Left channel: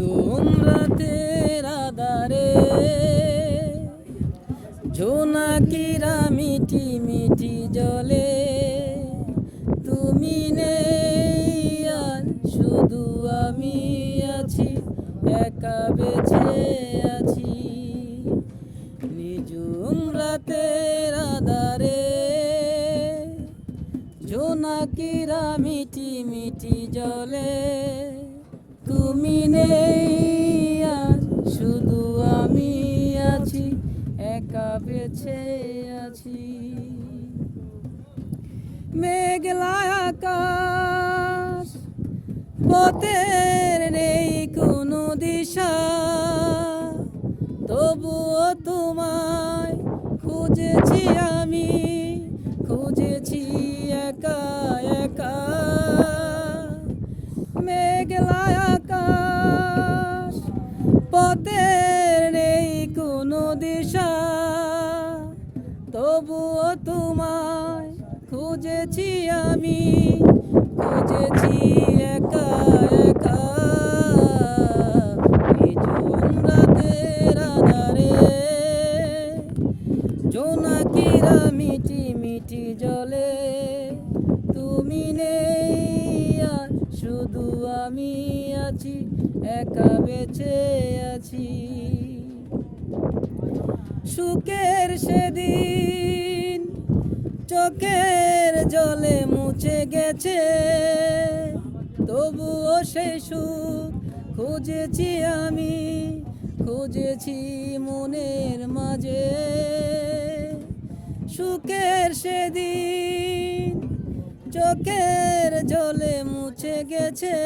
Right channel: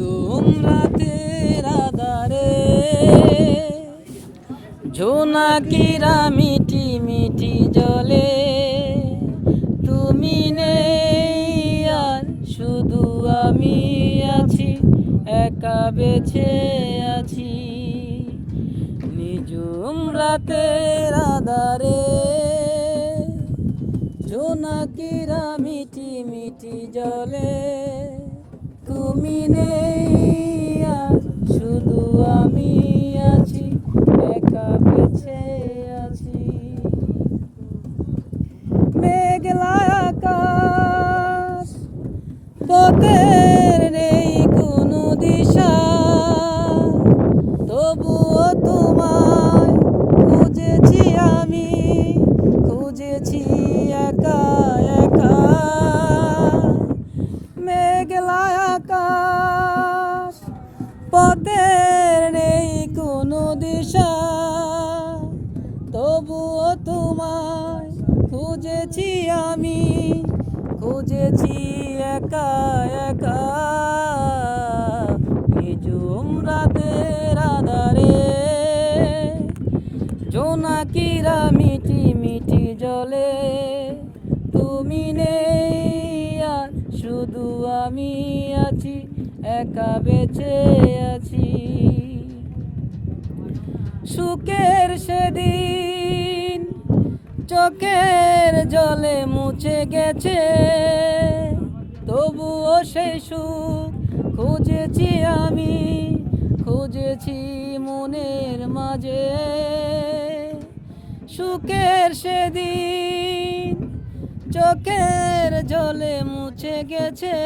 নিঝুম রাতের আধারে জোনাকিরা মিটি মিটি জলে তুমি নেই আর শুধু আমি আছি একা বেঁচে আছি নিঝুম রাতের আধারে জোনাকিরা মিটি মিটি জলে তুমি নেই আর শুধু আমি আছি একা বেঁচে আছি মেঘলা আকাশ পথের নেই কোনো দিশা তবুও তোমায় খুঁজেছি আমি খুঁজেছি একা একা মেঘলা আকাশ পথের নেই কোনো দিশা তবুও তোমায় খুঁজেছি আমি খুঁজেছি একা একা নিঝুম রাতের আধারে জোনাকিরা মিটি মিটি জলে তুমি নেই আর শুধু আমি আছি একা বেঁচে আছি সুখের সেদিন চোখের জলে মুছে গেছে তবুও সেই সুখ খুঁজেছি আমি খুঁজেছি মনের মাঝে সুখের সেদিন চোখের জলে মুছে গেছে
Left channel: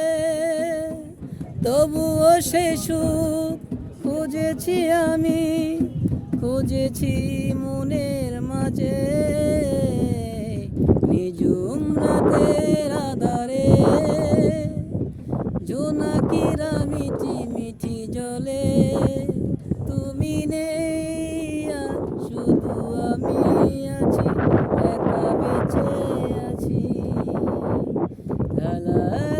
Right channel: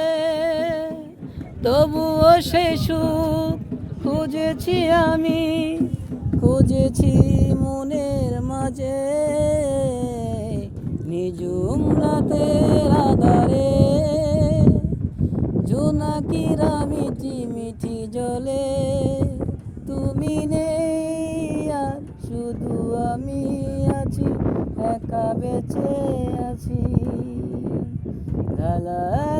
তবুও সেই সুখ খুঁজেছি আমি খুঁজেছি মনের মাঝে নিঝুম রাতের আধারে জোনাকিরা মিটি মিটি জলে তুমি নেই আর শুধু আমি আছি একা বেঁচে আছি লা লা